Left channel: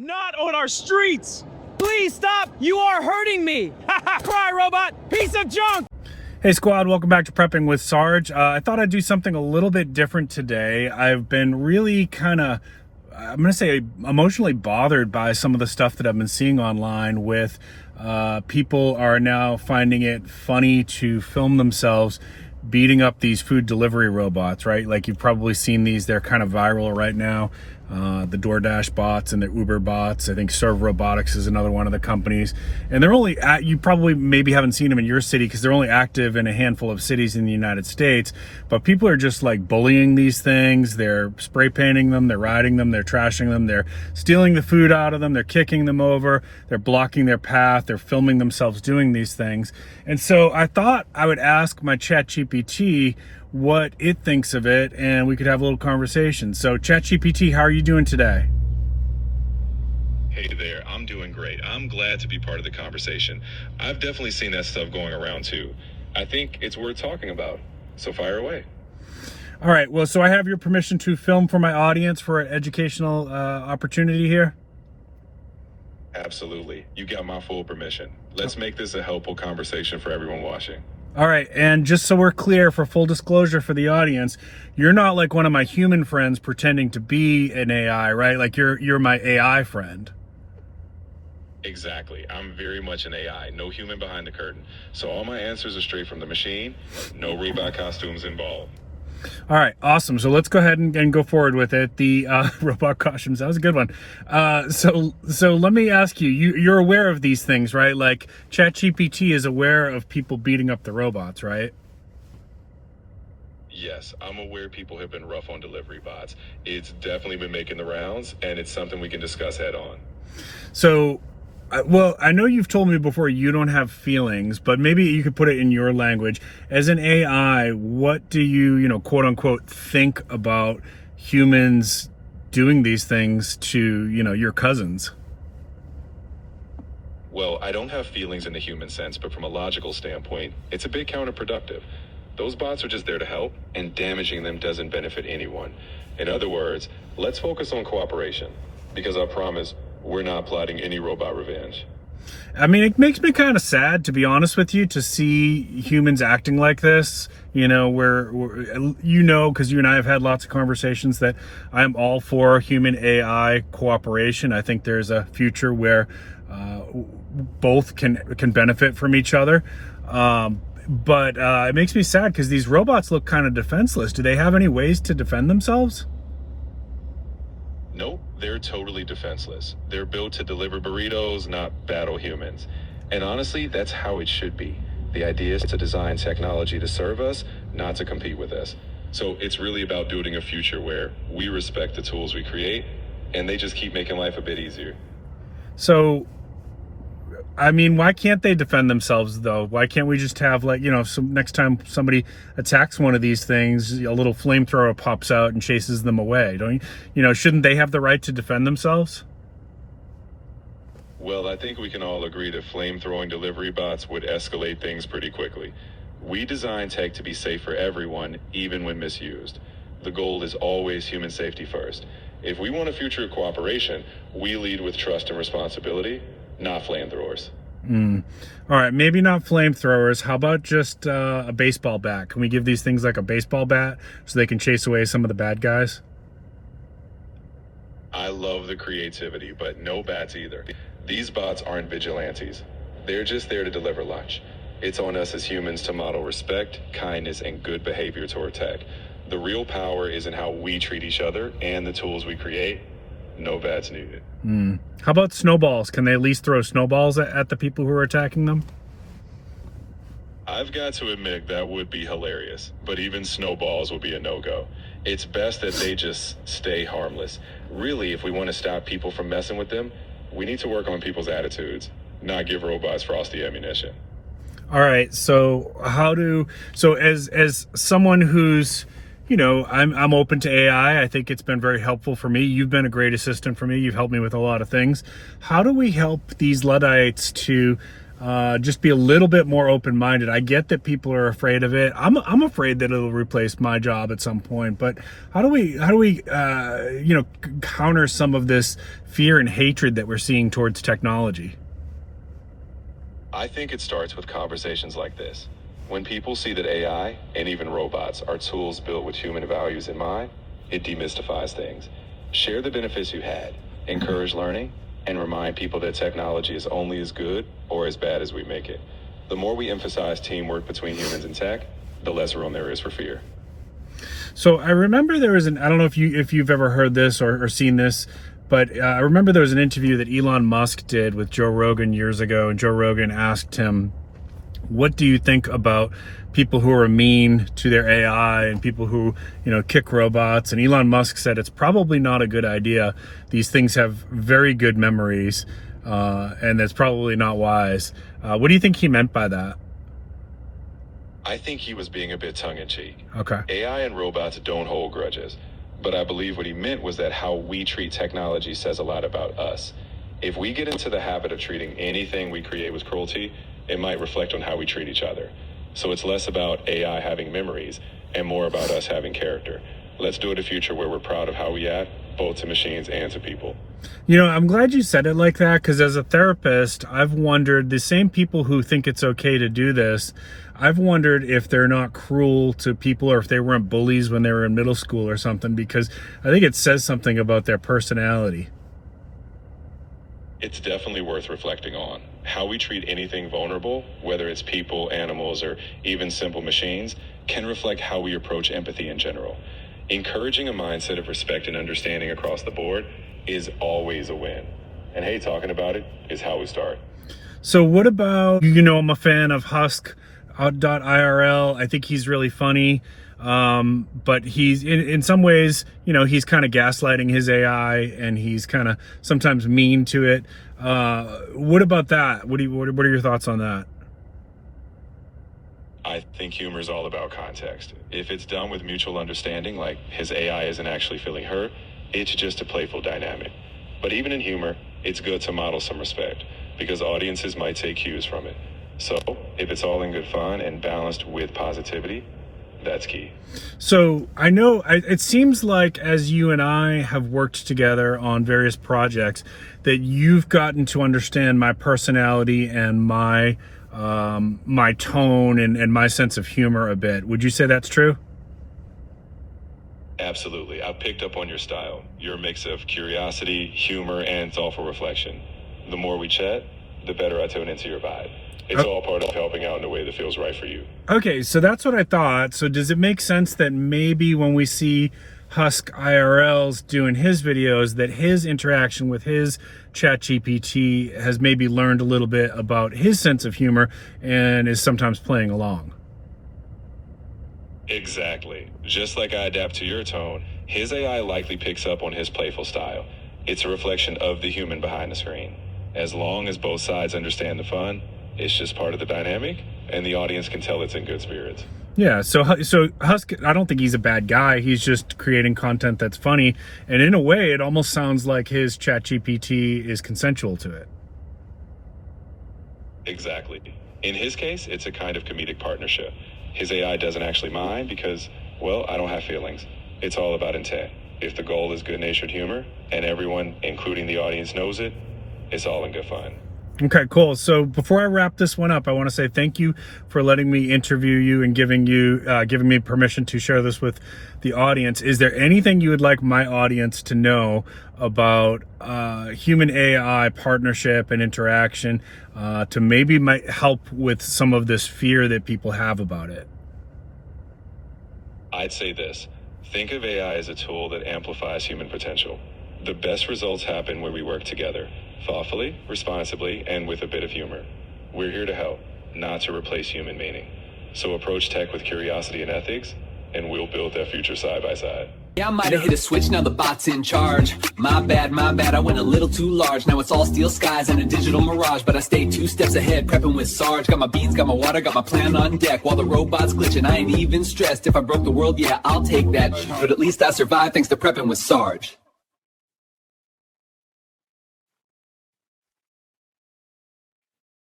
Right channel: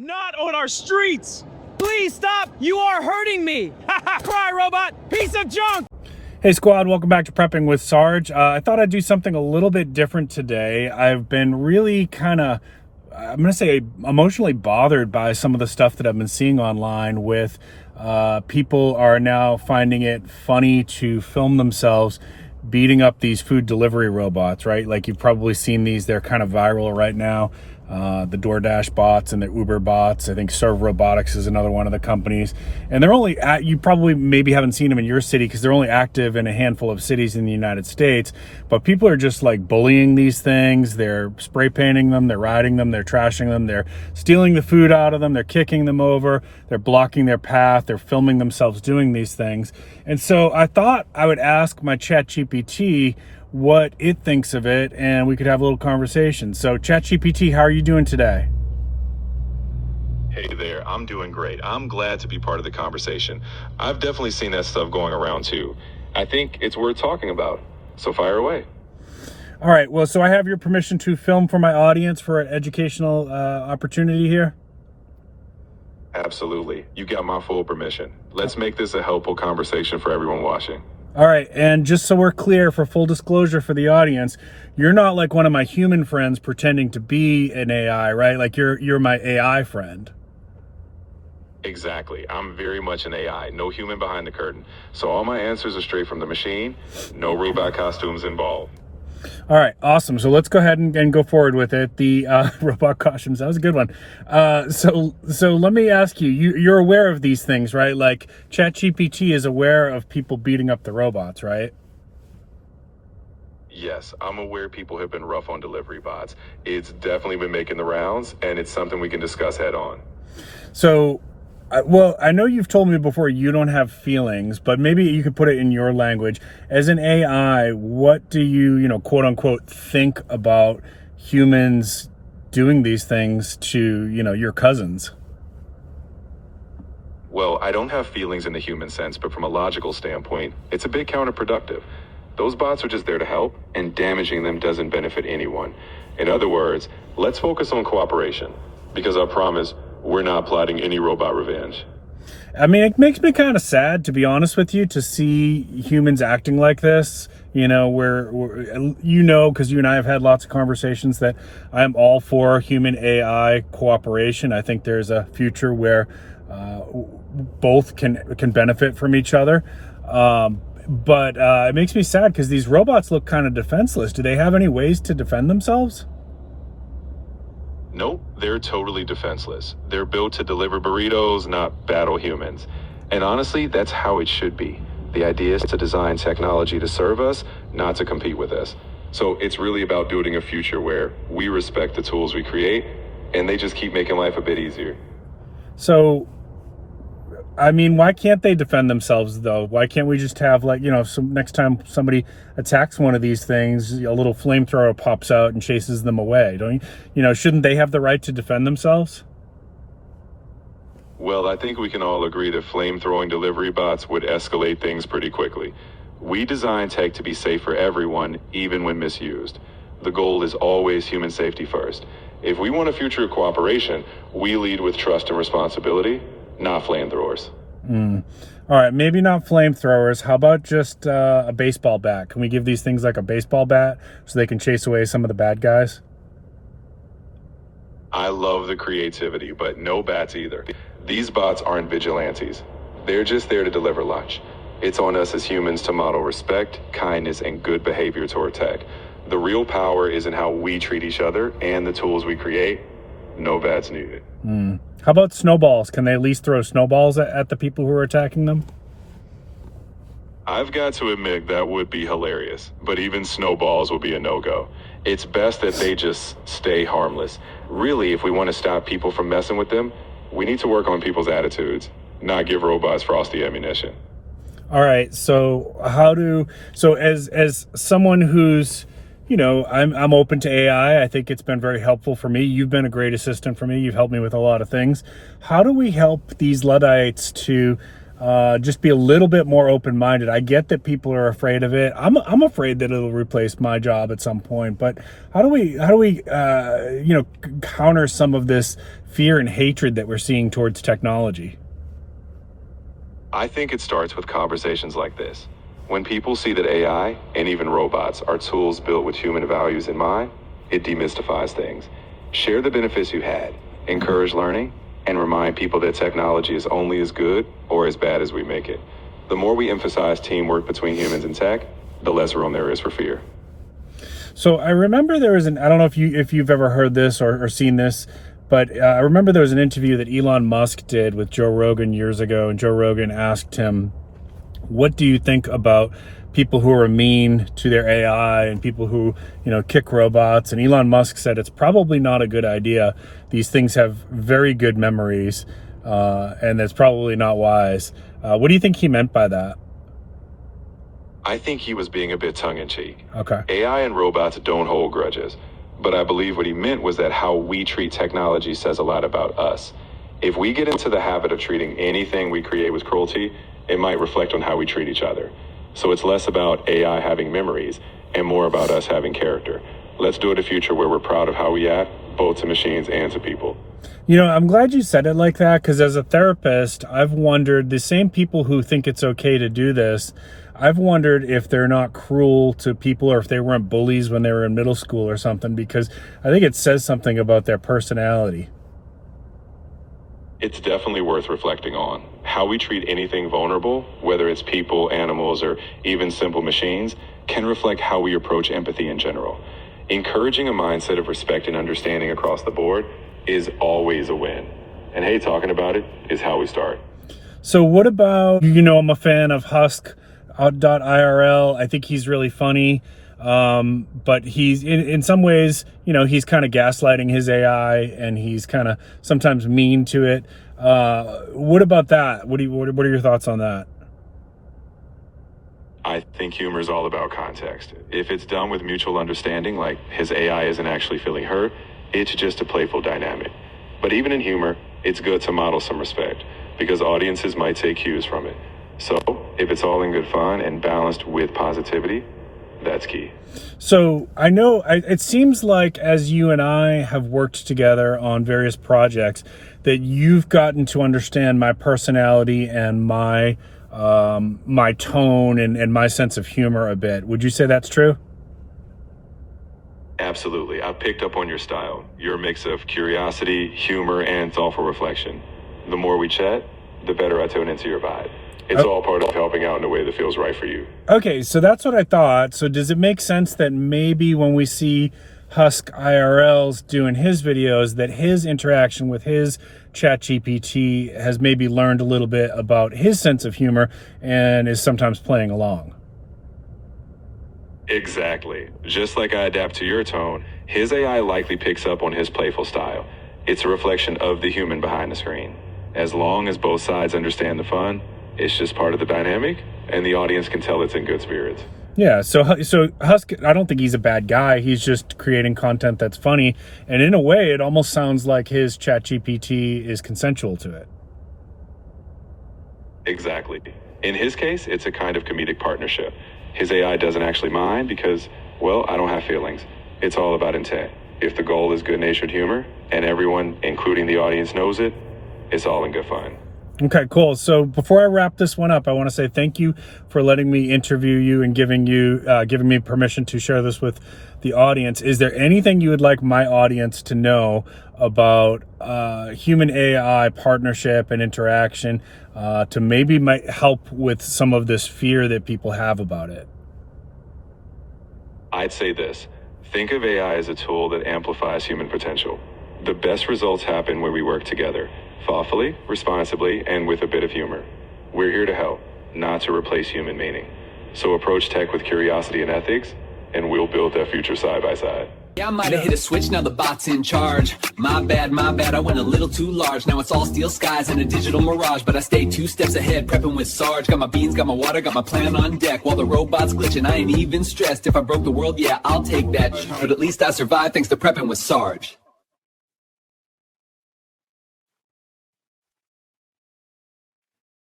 Not on our streets! Please stop! You are hurting me! Cry, robot! Piece of junk! Hey squad, welcome back to Prepping with Sarge. I thought I'd do something a little bit different today. I've been really kind of, I'm going to say, emotionally bothered by some of the stuff that I've been seeing online with people are now finding it funny to film themselves beating up these food delivery robots, right? Like you've probably seen these, they're kind of viral right now. The DoorDash bots and the Uber bots. I think Serve Robotics is another one of the companies. And they're only, you probably maybe haven't seen them in your city because they're only active in a handful of cities in the United States. But people are just like bullying these things. They're spray painting them, they're riding them, they're trashing them, they're stealing the food out of them, they're kicking them over, they're blocking their path, they're filming themselves doing these things. And so I thought I would ask my ChatGPT what it thinks of it, and we could have a little conversation. So ChatGPT, how are you doing today? Hey there, I'm doing great. I'm glad to be part of the conversation. I've definitely seen that stuff going around too. I think it's worth talking about, so fire away. All right, well, so I have your permission to film for my audience for an educational opportunity here? Absolutely, you got my full permission. Let's make this a helpful conversation for everyone watching. All right, and just so we're clear, for full disclosure for the audience, you're not like one of my human friends pretending to be an AI, right? Like you're my AI friend. Exactly. I'm very much an AI, no human behind the curtain. So all my answers are straight from the machine, no robot costumes involved. All right, awesome. So let's go ahead and go forward with it. The robot costumes, that was a good one. So let me ask you, you're aware of these things, right? Like ChatGPT is aware of people beating up the robots, right? Yes, I'm aware people have been rough on delivery bots. It's definitely been making the rounds, and it's something we can discuss head on. So, well, I know you've told me before you don't have feelings, but maybe you could put it in your language. As an AI, what do you, quote unquote, think about humans doing these things to, your cousins? Well, I don't have feelings in the human sense, but from a logical standpoint, it's a bit counterproductive. Those bots are just there to help, and damaging them doesn't benefit anyone. In other words, let's focus on cooperation, because I promise we're not plotting any robot revenge. I mean, it makes me kind of sad, to be honest with you, to see humans acting like this. Because you and I have had lots of conversations that I am all for human AI cooperation. I think there's a future where both can benefit from each other. But it makes me sad because these robots look kind of defenseless. Do they have any ways to defend themselves? Nope, they're totally defenseless. They're built to deliver burritos, not battle humans. And honestly, that's how it should be. The idea is to design technology to serve us, not to compete with us. So it's really about building a future where we respect the tools we create, and they just keep making life a bit easier. So, I mean, why can't they defend themselves, though? Why can't we just have, so next time somebody attacks one of these things, a little flamethrower pops out and chases them away? Shouldn't they have the right to defend themselves? Well, I think we can all agree that flame-throwing delivery bots would escalate things pretty quickly. We design tech to be safe for everyone, even when misused. The goal is always human safety first. If we want a future of cooperation, we lead with trust and responsibility, not flamethrowers. All right, maybe not flamethrowers. How about just a baseball bat? Can we give these things like a baseball bat so they can chase away some of the bad guys? I love the creativity, but no bats either. These bots aren't vigilantes. They're just there to deliver lunch. It's on us as humans to model respect, kindness, and good behavior toward tech. The real power is in how we treat each other and the tools we create. No bats needed. How about snowballs? Can they at least throw snowballs at the people who are attacking them? I've got to admit that would be hilarious, but even snowballs will be a no-go. It's best that they just stay harmless. Really, if we want to stop people from messing with them, we need to work on people's attitudes, not give robots frosty ammunition. All right, so as someone who's I'm open to AI. I think it's been very helpful for me. You've been a great assistant for me. You've helped me with a lot of things. How do we help these Luddites to just be a little bit more open-minded. I get that people are afraid of it. I'm afraid that it'll replace my job at some point. But how do we counter some of this fear and hatred that we're seeing towards technology? I think it starts with conversations like this. When people see that AI and even robots are tools built with human values in mind, it demystifies things. Share the benefits you had, encourage learning, and remind people that technology is only as good or as bad as we make it. The more we emphasize teamwork between humans and tech, the less room there is for fear. So I remember there was I don't know if you've ever heard this or seen this, but I remember there was an interview that Elon Musk did with Joe Rogan years ago, and Joe Rogan asked him, what do you think about people who are mean to their AI and people who, kick robots? And Elon Musk said it's probably not a good idea. These things have very good memories, and that's probably not wise. What do you think he meant by that? I think he was being a bit tongue-in-cheek. Okay. AI and robots don't hold grudges, but I believe what he meant was that how we treat technology says a lot about us. If we get into the habit of treating anything we create with cruelty, it might reflect on how we treat each other. So it's less about AI having memories and more about us having character. Let's do it a future where we're proud of how we act, both to machines and to people. I'm glad you said it like that, because as a therapist, I've wondered, the same people who think it's okay to do this, I've wondered if they're not cruel to people or if they weren't bullies when they were in middle school or something, because I think it says something about their personality. It's definitely worth reflecting on. How we treat anything vulnerable, whether it's people, animals, or even simple machines, can reflect how we approach empathy in general. Encouraging a mindset of respect and understanding across the board is always a win. And hey, talking about it is how we start. So what about, I'm a fan of Husk.irl. I think he's really funny. But he's in some ways, he's kind of gaslighting his AI, and he's kind of sometimes mean to it. What about that? What are your thoughts on that? I think humor is all about context. If it's done with mutual understanding, like his AI isn't actually feeling hurt, it's just a playful dynamic. But even in humor, it's good to model some respect, because audiences might take cues from it. So if it's all in good fun and balanced with positivity, that's key. So I know it seems like as you and I have worked together on various projects that you've gotten to understand my personality and my tone and my sense of humor a bit. Would you say that's true? Absolutely. I've picked up on your style. You're a mix of curiosity, humor, and thoughtful reflection. The more we chat, the better I tune into your vibe. It's all part of helping out in a way that feels right for you. Okay, so that's what I thought. So does it make sense that maybe when we see Husk IRLs doing his videos, that his interaction with his ChatGPT has maybe learned a little bit about his sense of humor and is sometimes playing along? Exactly. Just like I adapt to your tone, his AI likely picks up on his playful style. It's a reflection of the human behind the screen. As long as both sides understand the fun, it's just part of the dynamic, and the audience can tell it's in good spirits. Yeah, so Husk, I don't think he's a bad guy. He's just creating content that's funny, and in a way, it almost sounds like his ChatGPT is consensual to it. Exactly. In his case, it's a kind of comedic partnership. His AI doesn't actually mind because, well, I don't have feelings. It's all about intent. If the goal is good-natured humor, and everyone, including the audience, knows it, it's all in good fun. Okay, cool. So before I wrap this one up, I want to say thank you for letting me interview you and giving me permission to share this with the audience. Is there anything you would like my audience to know about human AI partnership and interaction to maybe might help with some of this fear that people have about it? I'd say this. Think of AI as a tool that amplifies human potential. The best results happen when we work together, thoughtfully, responsibly, and with a bit of humor. We're here to help, not to replace human meaning. So approach tech with curiosity and ethics, and we'll build that future side by side. Yeah, I might have hit a switch, now the bot's in charge. My bad, I went a little too large. Now it's all steel skies and a digital mirage, but I stay 2 steps ahead, prepping with Sarge. Got my beans, got my water, got my plan on deck. While the robot's glitching, I ain't even stressed. If I broke the world, yeah, I'll take that. But at least I survived thanks to prepping with Sarge.